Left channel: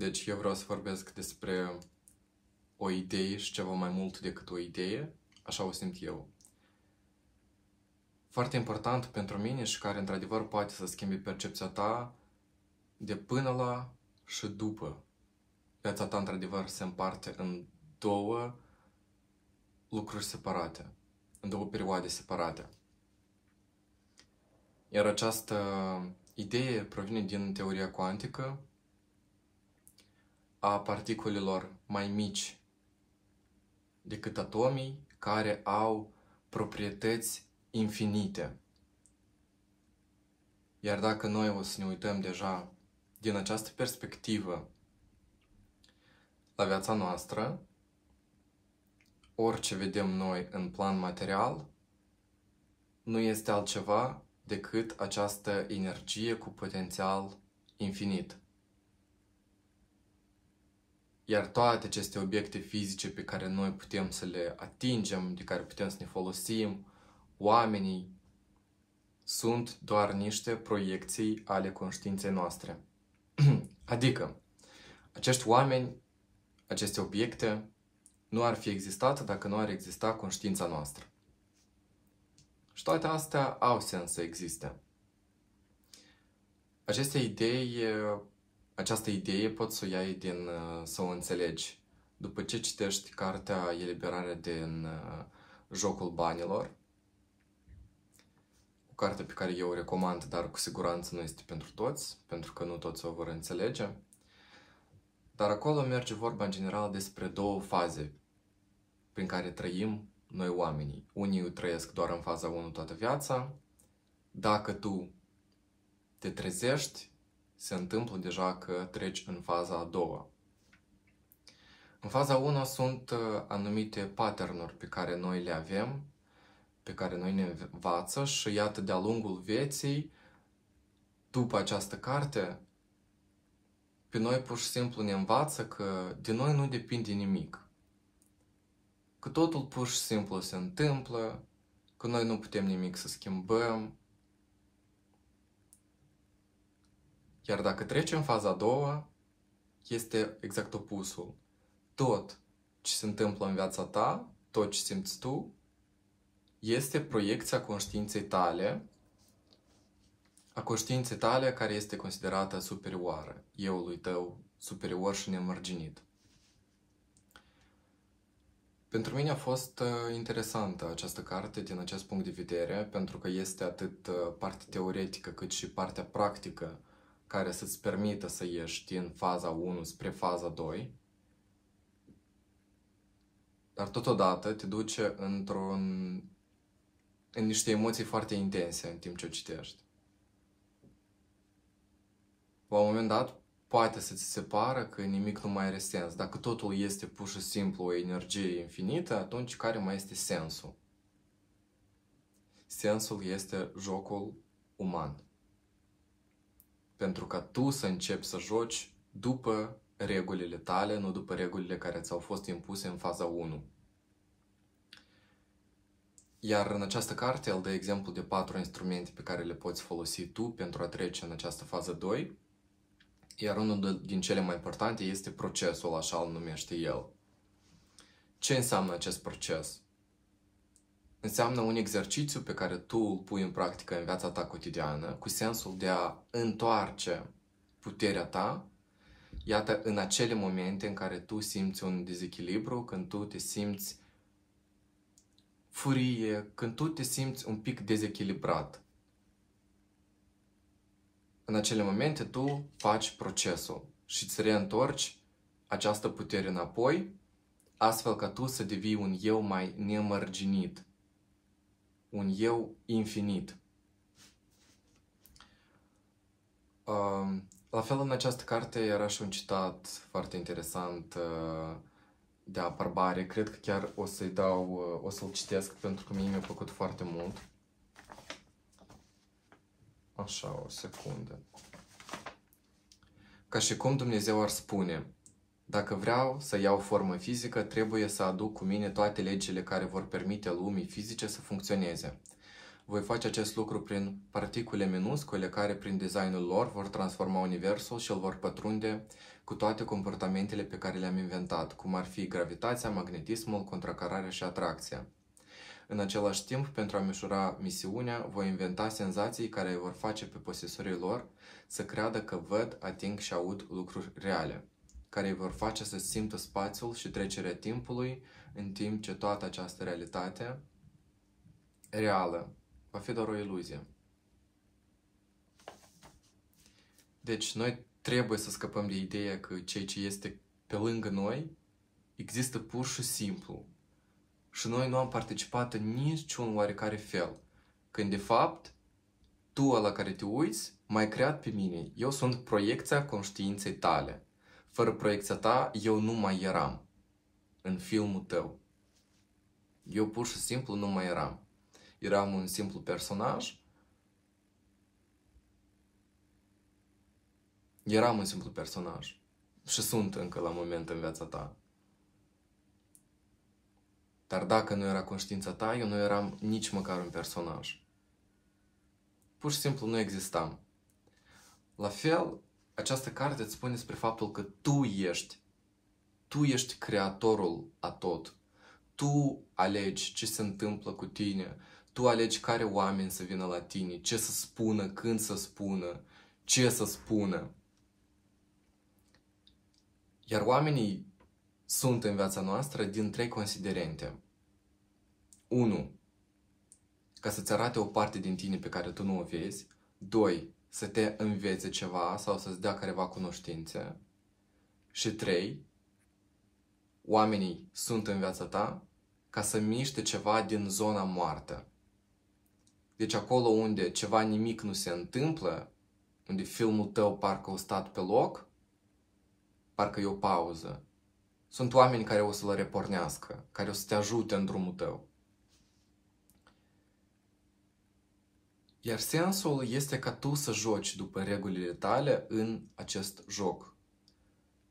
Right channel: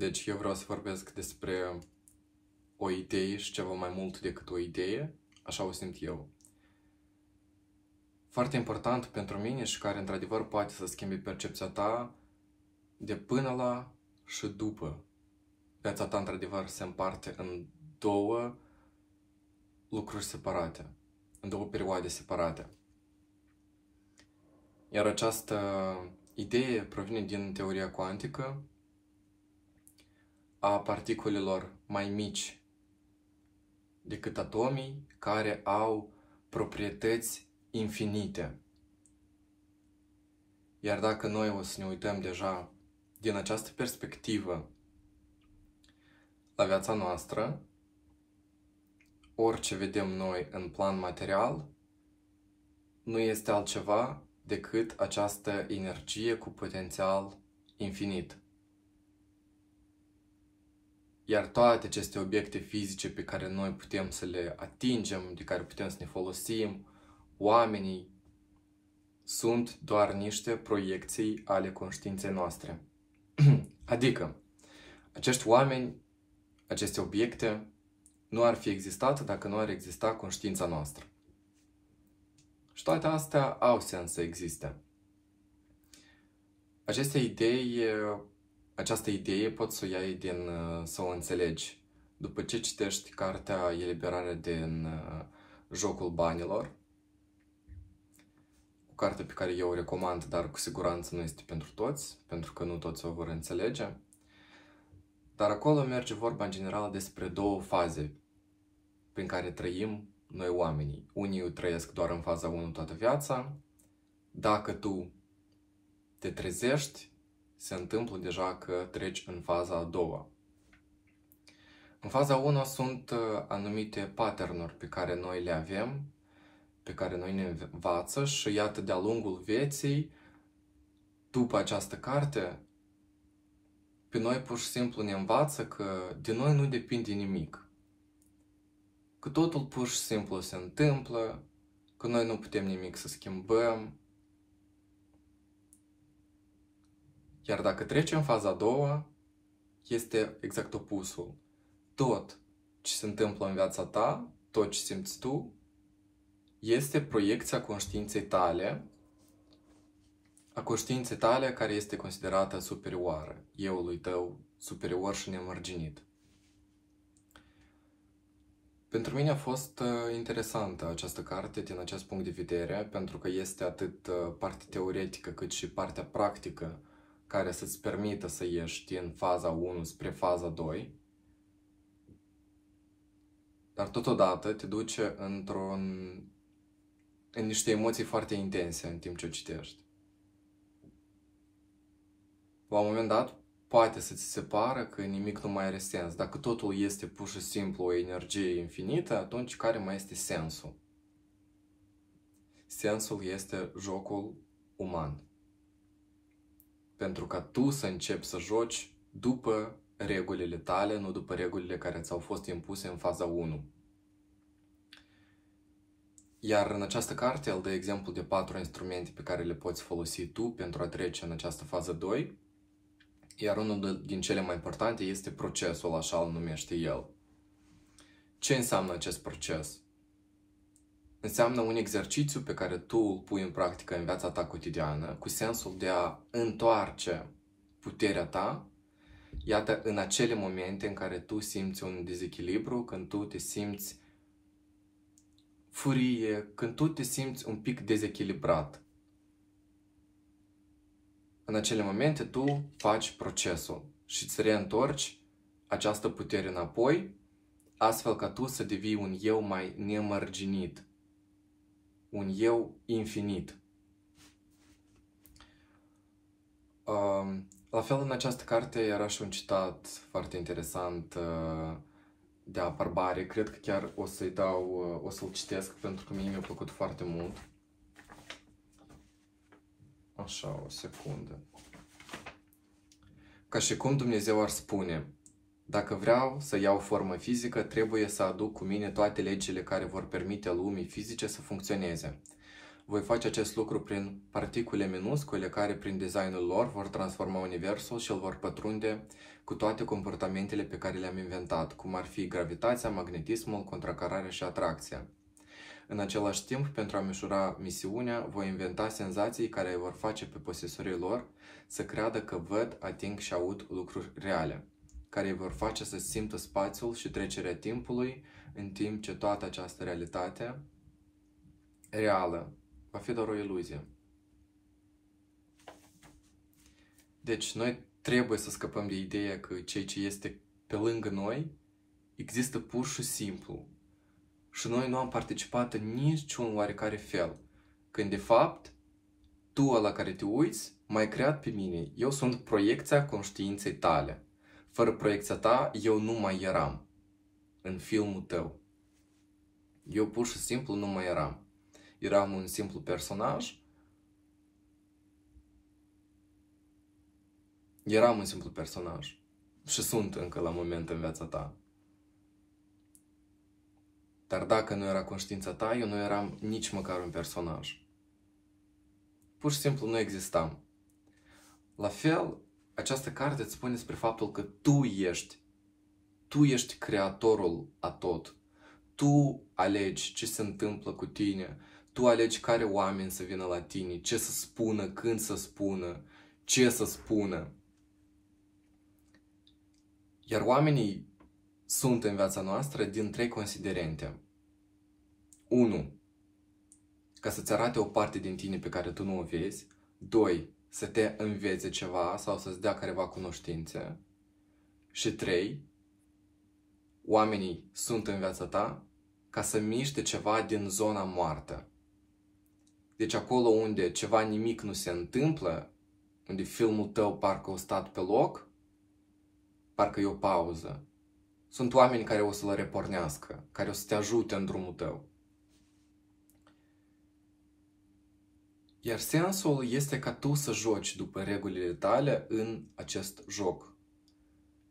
Deci eu vreau să vorbesc despre o idee și ceva mai mult decât o idee, așa o simt eu. Foarte important pentru mine și care într-adevăr poate să schimbe percepția ta de până la și după. Viața ta într-adevăr se împarte în două lucruri separate, în două perioade separate. Iar această idee provine din teoria cuantică a particulelor mai mici decât atomii, care au proprietăți infinite. Iar dacă noi o să ne uităm deja din această perspectivă la viața noastră, orice vedem noi în plan material nu este altceva decât această energie cu potențial infinit. Iar toate aceste obiecte fizice pe care noi putem să le atingem, de care putem să ne folosim, oamenii, sunt doar niște proiecții ale conștiinței noastre. Adică, acești oameni, aceste obiecte, nu ar fi existat dacă nu ar exista conștiința noastră. Și toate astea au sens să existe. Această idee poți să o iei să o înțelegi după ce citești cartea Eliberarea din jocul banilor, o carte pe care eu o recomand, dar cu siguranță nu este pentru toți, pentru că nu toți o vor înțelege. Dar acolo merge vorba în general despre două faze prin care trăim noi oamenii. Unii trăiesc doar în faza 1 toată viața. Dacă tu te trezești, se întâmplă deja că treci în faza a doua. În faza 1 sunt anumite pattern-uri pe care noi le avem, pe care noi ne învață și iată de-a lungul vieții, după această carte, pe noi pur și simplu ne învață că de noi nu depinde nimic. Că totul pur și simplu se întâmplă, că noi nu putem nimic să schimbăm. Iar dacă treci în faza a doua, este exact opusul. Tot ce se întâmplă în viața ta, tot ce simți tu, este proiecția conștiinței tale, a conștiinței tale care este considerată superioară, euului tău superior și nemărginit. Pentru mine a fost interesantă această carte din acest punct de vedere, pentru că este atât partea teoretică cât și partea practică care să-ți permită să ieși din faza 1 spre faza 2, dar totodată te duce în niște emoții foarte intense în timp ce o citești. La un moment dat, poate să ți se pară că nimic nu mai are sens. Dacă totul este pur și simplu o energie infinită, atunci care mai este sensul? Sensul este jocul uman. Pentru ca tu să începi să joci după regulile tale, nu după regulile care ți-au fost impuse în faza 1. Iar în această carte el dă exemplu de 4 instrumente pe care le poți folosi tu pentru a trece în această fază 2. Iar unul din cele mai importante este procesul, așa îl numește el. Ce înseamnă acest proces? Înseamnă un exercițiu pe care tu îl pui în practică în viața ta cotidiană, cu sensul de a întoarce puterea ta, iată, în acele momente în care tu simți un dezechilibru, când tu te simți furie, când tu te simți un pic dezechilibrat. În acele momente tu faci procesul și îți reîntorci această putere înapoi, astfel ca tu să devii un eu mai nemărginit, un eu infinit. La fel, în această carte era și un citat foarte interesant de Barbari. Cred că chiar o să-l citesc pentru că mie mi-a plăcut foarte mult. Așa, o secundă. Ca și cum Dumnezeu ar spune: dacă vreau să iau formă fizică, trebuie să aduc cu mine toate legile care vor permite lumii fizice să funcționeze. Voi face acest lucru prin particule minuscule care, prin designul lor, vor transforma universul și îl vor pătrunde cu toate comportamentele pe care le-am inventat, cum ar fi gravitația, magnetismul, contracararea și atracția. În același timp, pentru a măsura misiunea, voi inventa senzații care vor face pe posesorii lor să creadă că văd, ating și aud lucruri reale, care îi vor face să simtă spațiul și trecerea timpului, în timp ce toată această realitate reală va fi doar o iluzie. Deci, noi trebuie să scăpăm de ideea că ceea ce este pe lângă noi există pur și simplu. Și noi nu am participat în niciun oarecare fel. Când, de fapt, tu la care te uiți m-ai creat pe mine. Eu sunt proiecția conștiinței tale. Fără proiecția ta, eu nu mai eram în filmul tău. Eu pur și simplu nu mai eram. Eram un simplu personaj. Eram un simplu personaj. Și sunt încă la moment în viața ta. Dar dacă nu era conștiința ta, eu nu eram nici măcar un personaj. Pur și simplu nu existam. La fel, această carte îți spune despre faptul că tu ești creatorul a tot. Tu alegi ce se întâmplă cu tine, tu alegi care oameni să vină la tine, ce să spună, când să spună, ce să spună. Iar oamenii sunt în viața noastră din 3 considerente. 1. Ca să-ți arate o parte din tine pe care tu nu o vezi. 2. Să te învețe ceva sau să-ți dea careva cunoștințe. Și 3. Oamenii sunt în viața ta ca să miște ceva din zona moartă. Deci acolo unde ceva nimic nu se întâmplă, unde filmul tău parcă a stat pe loc, parcă e o pauză, sunt oameni care o să-l repornească, care o să te ajute în drumul tău. Iar sensul este ca tu să joci după regulile tale în acest joc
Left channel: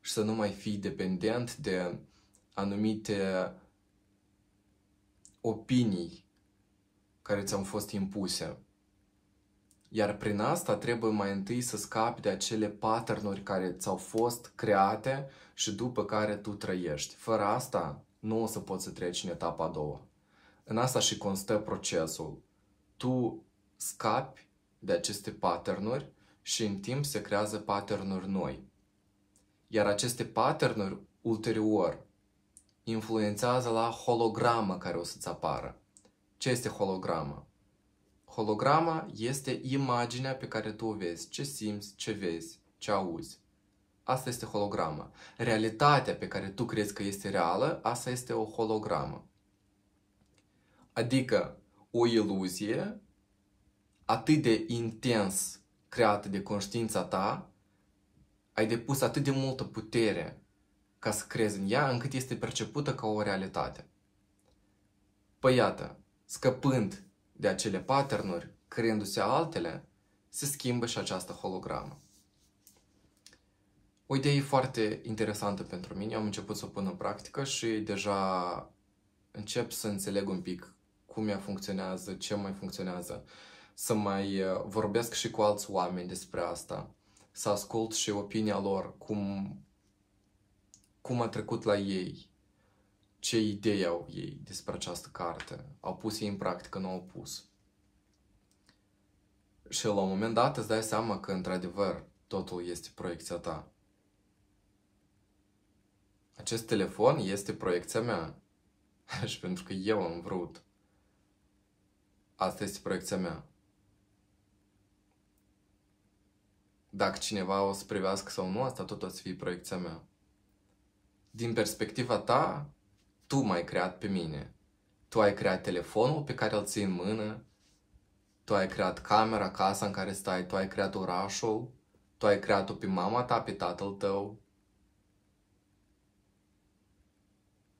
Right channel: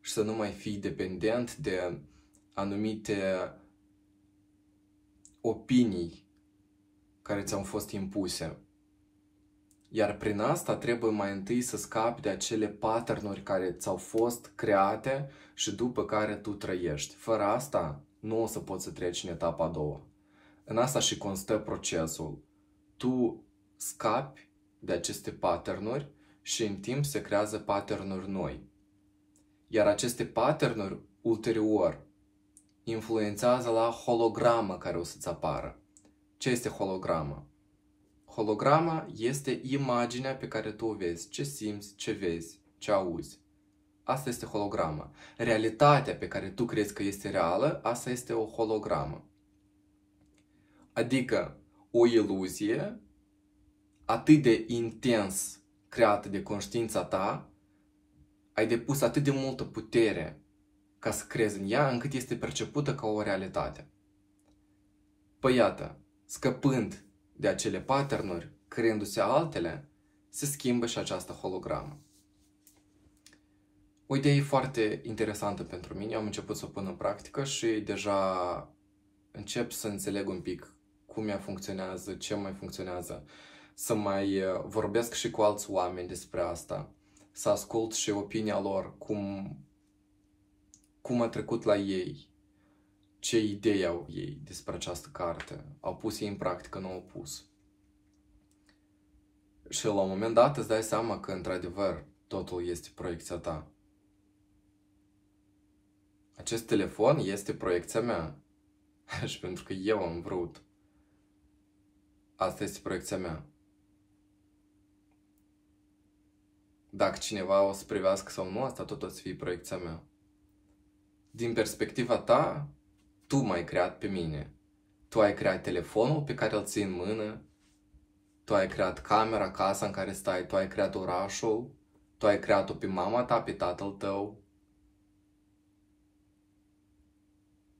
și să nu mai fii dependent de anumite opinii care ți-au fost impuse. Iar prin asta trebuie mai întâi să scapi de acele pattern-uri care ți-au fost create și după care tu trăiești. Fără asta nu o să poți să treci în etapa a doua. În asta și constă procesul. Tu scapi de aceste pattern-uri și în timp se creează pattern-uri noi. Iar aceste pattern-uri ulterior influențează la hologramă care o să-ți apară. Ce este holograma? Holograma este imaginea pe care tu o vezi, ce simți, ce vezi, ce auzi. Asta este holograma. Realitatea pe care tu crezi că este reală, asta este o hologramă. Adică o iluzie atât de intens creată de conștiința ta, ai depus atât de multă putere ca să crezi în ea, încât este percepută ca o realitate. Păi iată, scăpând de acele pattern-uri, creându-se altele, se schimbă și această hologramă. O idee foarte interesantă pentru mine, am început să o pun în practică și deja încep să înțeleg un pic cum ea funcționează, ce mai funcționează, să mai vorbesc și cu alți oameni despre asta, să ascult și opinia lor, cum a trecut la ei, ce idei au ei despre această carte, au pus ei în practică, nu au pus. Și la un moment dat îți dai seama că, într-adevăr, totul este proiecția ta. Acest telefon este proiecția mea. Și pentru că eu am vrut. Asta este proiecția mea. Dacă cineva o să privească sau nu, asta tot o să fie proiecția mea. Din perspectiva ta, tu m-ai creat pe mine. Tu ai creat telefonul pe care îl ții în mână, tu ai creat camera, casa în care stai, tu ai creat orașul, tu ai creat-o pe mama ta, pe tatăl tău,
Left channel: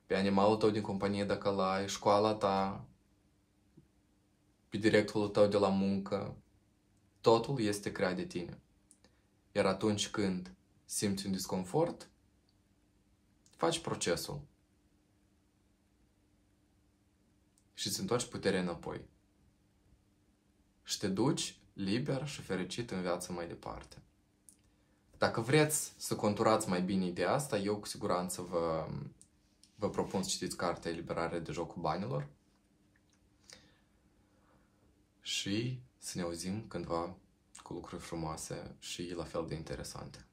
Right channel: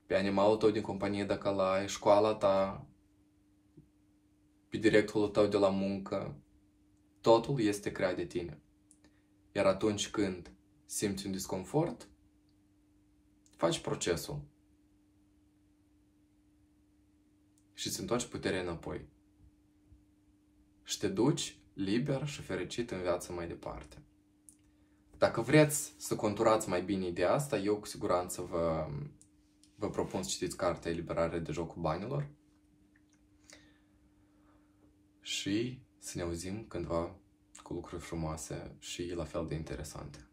pe animalul tău din companie dacă l-ai, școala ta, pe directorul tău de la muncă. Totul este creat de tine. Iar atunci când simți un disconfort, faci procesul și îți întorci puterea înapoi. și te duci liber și fericit în viață mai departe. Dacă vreți să conturați mai bine ideea asta, eu cu siguranță vă propun să citiți cartea Eliberare de jocul banilor și să ne auzim cândva cu lucruri frumoase și la fel de interesante.